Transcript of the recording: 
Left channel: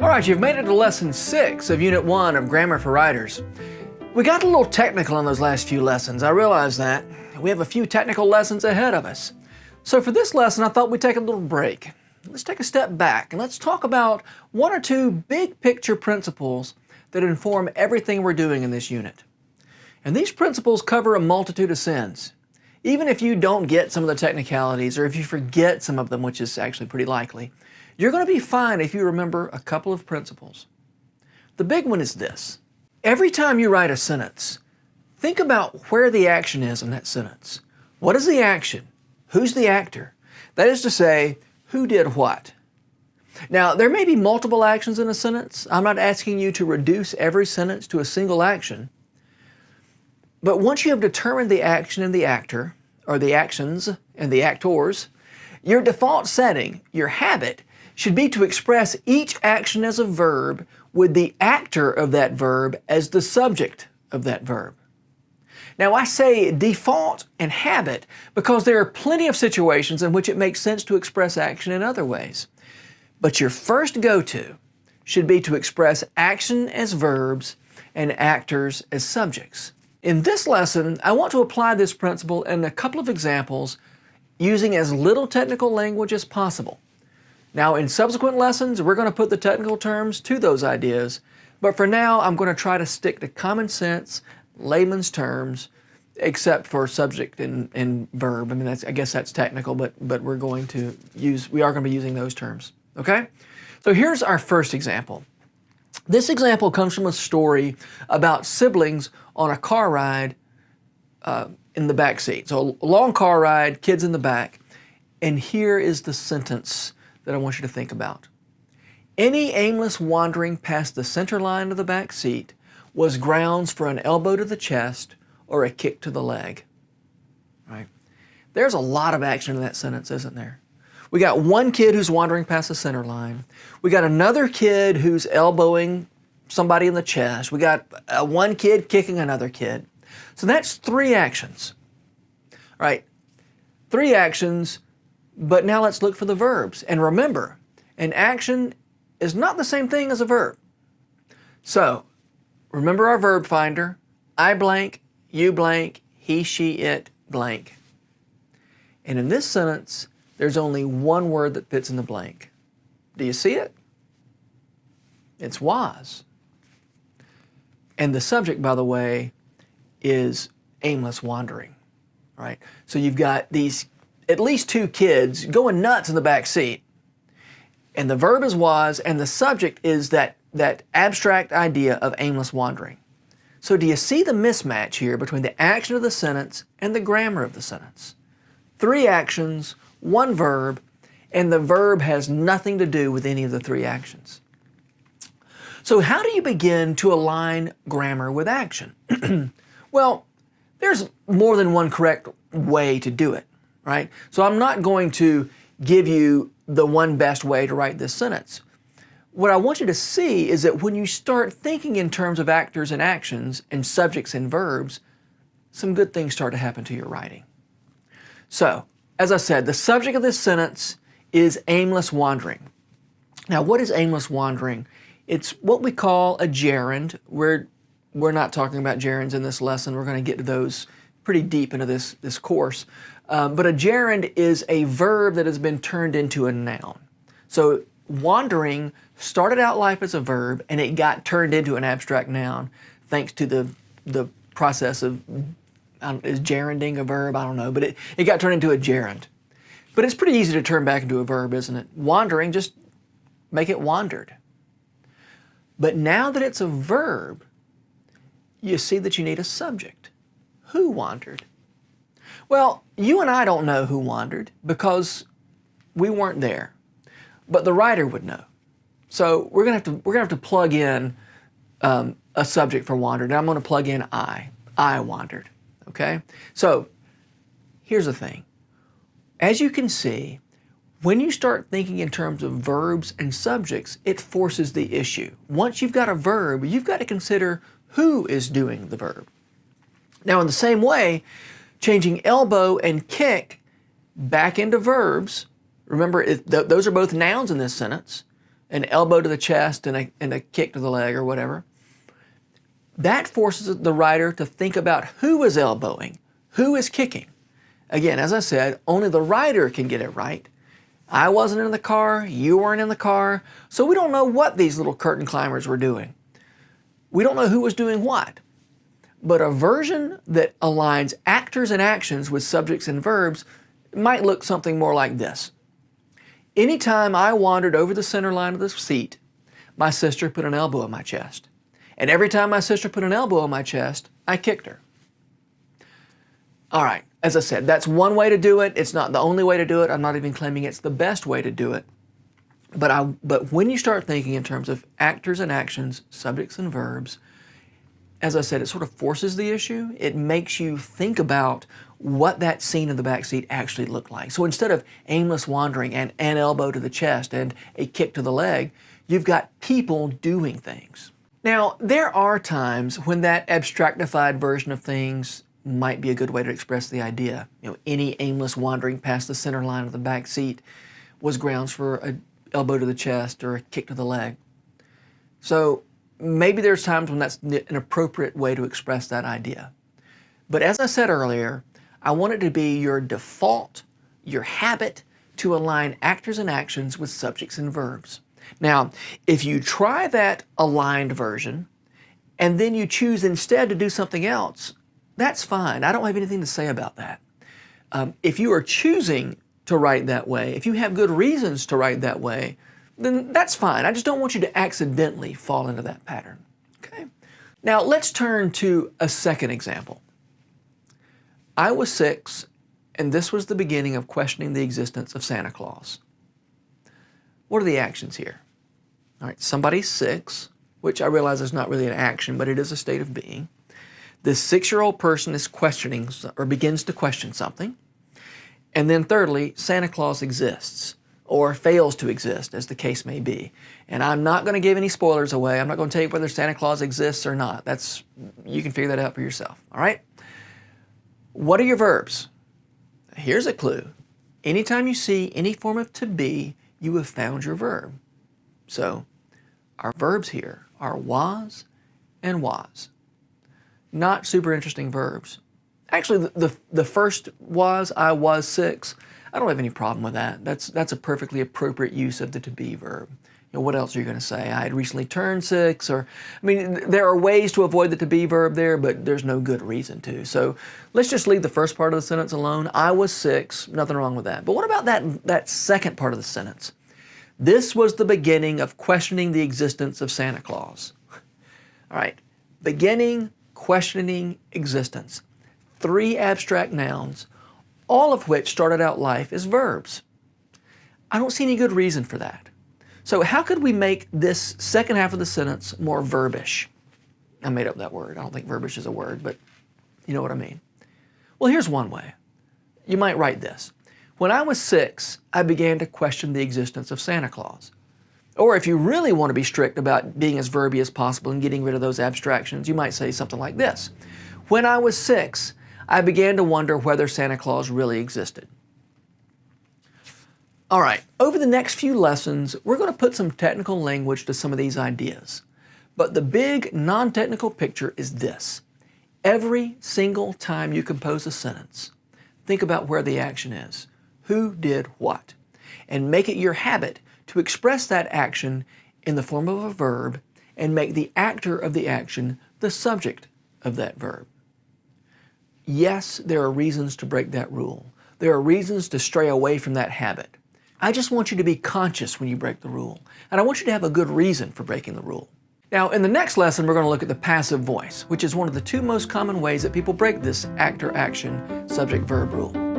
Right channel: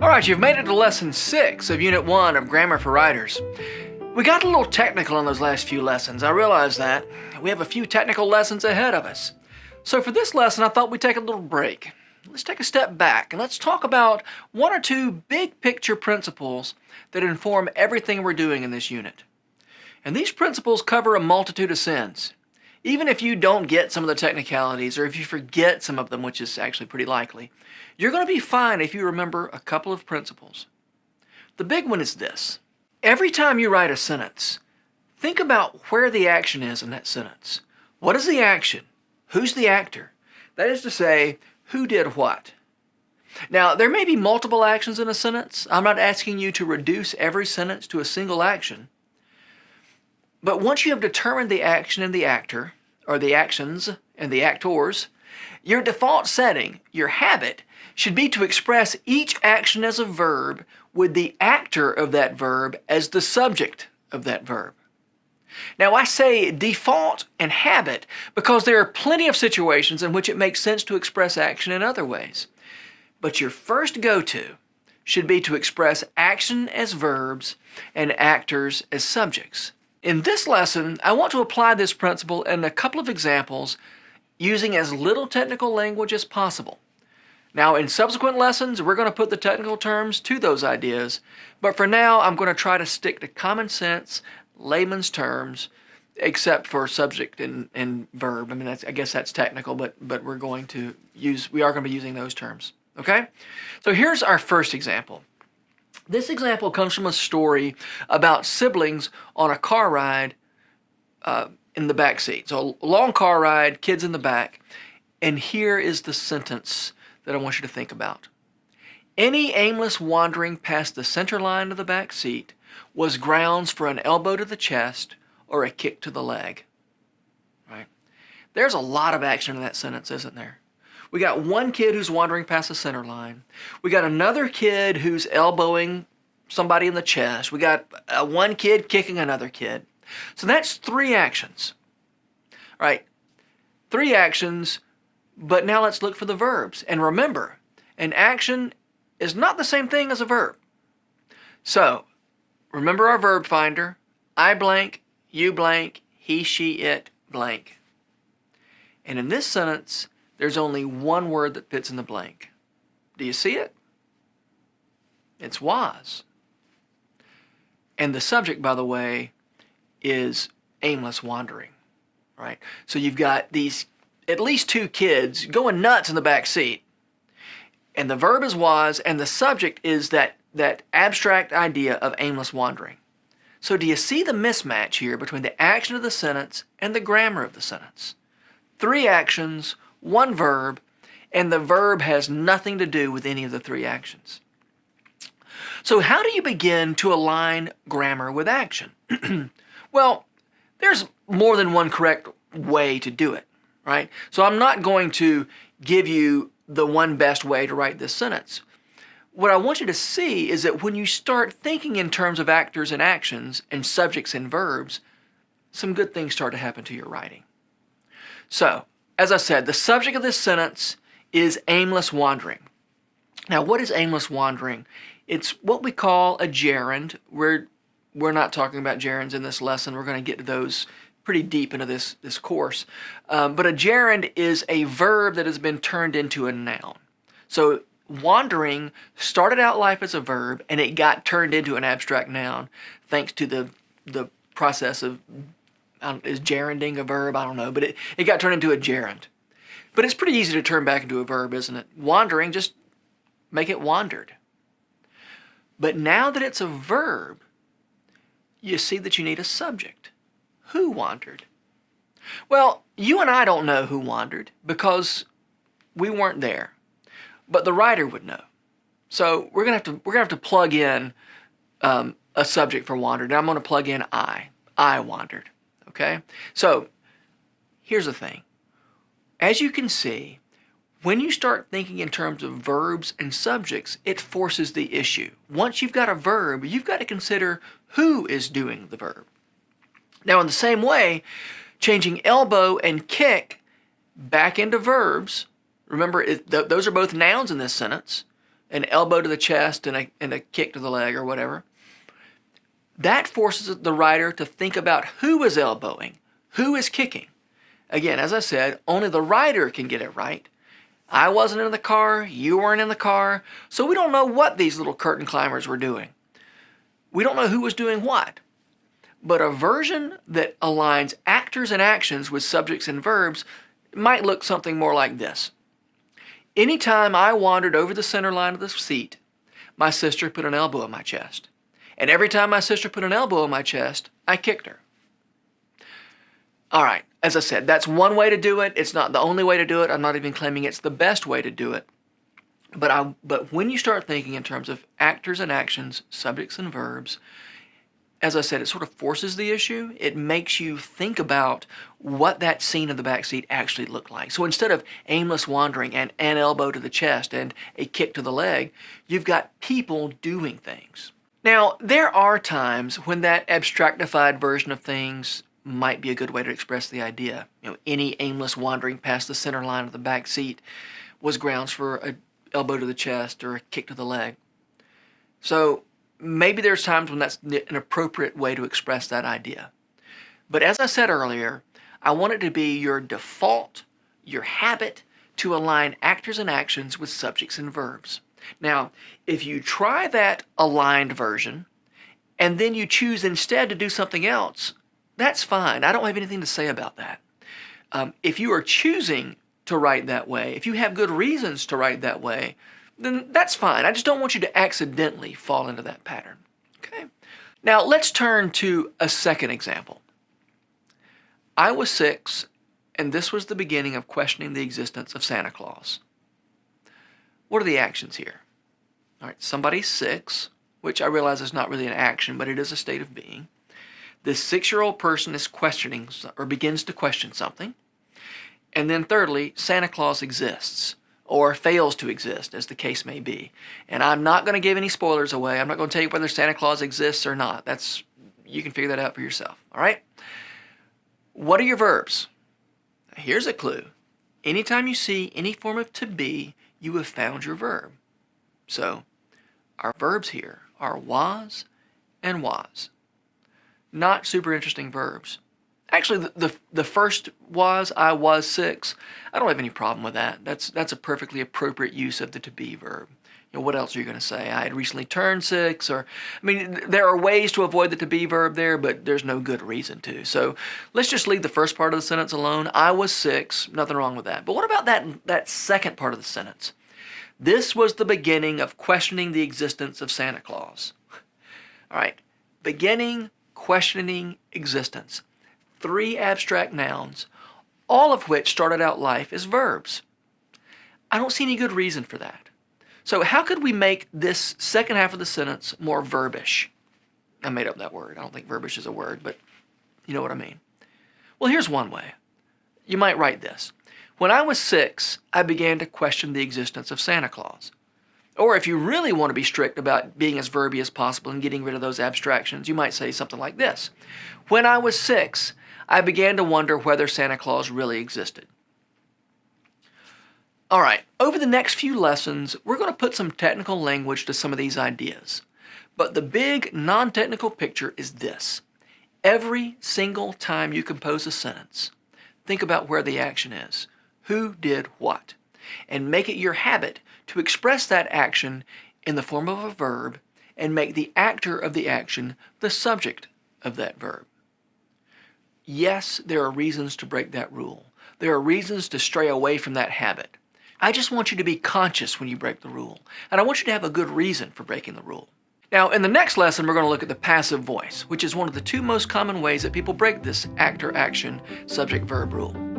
All right, you've made it to lesson 6 of Unit 1 of Grammar for Writers. We got a little technical in those last few lessons. I realize that. We have a few technical lessons ahead of us. So for this lesson, I thought we'd take a little break. Let's take a step back and let's talk about one or two big picture principles that inform everything we're doing in this unit. And these principles cover a multitude of sins. Even if you don't get some of the technicalities, or if you forget some of them, which is actually pretty likely, you're going to be fine if you remember a couple of principles. The big one is this. Every time you write a sentence, think about where the action is in that sentence. What is the action? Who's the actor? That is to say, who did what? Now, there may be multiple actions in a sentence. I'm not asking you to reduce every sentence to a single action. But once you have determined the action and the actor, or the actions and the actors, your default setting, your habit, should be to express each action as a verb with the actor of that verb as the subject of that verb. Now, I say default and habit because there are plenty of situations in which it makes sense to express action in other ways. But your first go-to should be to express action as verbs and actors as subjects. In this lesson, I want to apply this principle in a couple of examples using as little technical language as possible. Now, in subsequent lessons, we're going to put the technical terms to those ideas, but for now, I'm going to try to stick to common sense, layman's terms, except for subject and verb. I mean, I guess that's technical, but we are going to be using those terms. Okay? So here's our first example. This example comes from a story about siblings on a car ride in the back seat. So a long car ride, kids in the back, and here is the sentence that I want you to think about. Any aimless wandering past the center line of the back seat was grounds for an elbow to the chest or a kick to the leg. Right? There's a lot of action in that sentence, isn't there? We got one kid who's wandering past the center line. We got another kid who's elbowing somebody in the chest. We got one kid kicking another kid. So that's 3 actions. All right, 3 actions, but now let's look for the verbs. And remember, an action is not the same thing as a verb. So remember our verb finder. I blank, you blank, he, she, it blank. And in this sentence, there's only one word that fits in the blank. Do you see it? It's was. And the subject, by the way, is aimless wandering, right? So you've got these at least 2 kids going nuts in the back seat. And the verb is was, and the subject is that abstract idea of aimless wandering. So do you see the mismatch here between the action of the sentence and the grammar of the sentence? 3 actions, 1 verb, and the verb has nothing to do with any of the 3 actions. So how do you begin to align grammar with action? Well, there's more than one correct way to do it, right? So I'm not going to give you the one best way to write this sentence. What I want you to see is that when you start thinking in terms of actors and actions and subjects and verbs, some good things start to happen to your writing. So, as I said, the subject of this sentence is aimless wandering. Now, what is aimless wandering? It's what we call a gerund. We're not talking about gerunds in this lesson. We're going to get to those pretty deep into this course. But a gerund is a verb that has been turned into a noun. So wandering started out life as a verb, and it got turned into an abstract noun thanks to the process of is gerunding a verb? I don't know, but it got turned into a gerund. But it's pretty easy to turn back into a verb, isn't it? Wandering, just make it wandered. But now that it's a verb, you see that you need a subject. Who wandered? Well, you and I don't know who wandered because we weren't there. But the writer would know. So we're gonna have to plug in a subject for wandered. Now I'm going to plug in I. I wandered. Okay? So here's the thing. As you can see, when you start thinking in terms of verbs and subjects, it forces the issue. Once you've got a verb, you've got to consider who is doing the verb. Now, in the same way, changing elbow and kick back into verbs, remember, those are both nouns in this sentence. an elbow to the chest and a kick to the leg or whatever, that forces the writer to think about who is elbowing, who is kicking. Again, as I said, only the writer can get it right. I wasn't in the car, you weren't in the car, so we don't know what these little curtain climbers were doing. We don't know who was doing what. But a version that aligns actors and actions with subjects and verbs might look something more like this. Anytime I wandered over the center line of the seat, my sister put an elbow in my chest. And every time my sister put an elbow in my chest, I kicked her. All right, as I said, that's one way to do it. It's not the only way to do it. I'm not even claiming it's the best way to do it. But when you start thinking in terms of actors and actions, subjects and verbs, as I said, it sort of forces the issue. It makes you think about what that scene in the back seat actually looked like. So instead of aimless wandering and an elbow to the chest and a kick to the leg, you've got people doing things. Now, there are times when that abstractified version of things might be a good way to express the idea. Any aimless wandering past the center line of the back seat was grounds for an elbow to the chest or a kick to the leg. So maybe there's times when that's an appropriate way to express that idea. But as I said earlier, I want it to be your default, your habit, to align actors and actions with subjects and verbs. Now, if you try that aligned version, and then you choose instead to do something else, that's fine. I don't have anything to say about that. If you are choosing to write that way, if you have good reasons to write that way, then that's fine. I just don't want you to accidentally fall into that pattern. Okay? Now, let's turn to a second example. I was 6, and this was the beginning of questioning the existence of Santa Claus. What are the actions here? All right, somebody's 6, which I realize is not really an action, but it is a state of being. This 6-year-old person is questioning or begins to question something. And then thirdly, Santa Claus exists or fails to exist, as the case may be. And I'm not going to give any spoilers away. I'm not going to tell you whether Santa Claus exists or not. You can figure that out for yourself, all right? What are your verbs? Here's a clue. Anytime you see any form of to be, you have found your verb. So our verbs here are was and was. Not super interesting verbs. Actually, the first was, I was 6. I don't have any problem with that. That's a perfectly appropriate use of the to be verb. What else are you going to say? I had recently turned 6, there are ways to avoid the to be verb there, but there's no good reason to. So let's just leave the first part of the sentence alone. I was 6, nothing wrong with that. But what about that second part of the sentence? This was the beginning of questioning the existence of Santa Claus. All right, beginning, questioning, existence. 3 abstract nouns, all of which started out life as verbs. I don't see any good reason for that. So how could we make this second half of the sentence more verbish? I made up that word. I don't think verbish is a word, but you know what I mean. Well, here's one way. You might write this. When I was 6, I began to question the existence of Santa Claus. Or if you really want to be strict about being as verby as possible and getting rid of those abstractions, you might say something like this. When I was 6, I began to wonder whether Santa Claus really existed. All right, over the next few lessons, we're going to put some technical language to some of these ideas. But the big non-technical picture is this. Every single time you compose a sentence, think about where the action is. Who did what? And make it your habit to express that action in the form of a verb and make the actor of the action the subject of that verb. Yes, there are reasons to break that rule. There are reasons to stray away from that habit. I just want you to be conscious when you break the rule, and I want you to have a good reason for breaking the rule. Now, in the next lesson, we're going to look at the passive voice, which is one of the 2 most common ways that people break this actor-action subject-verb rule.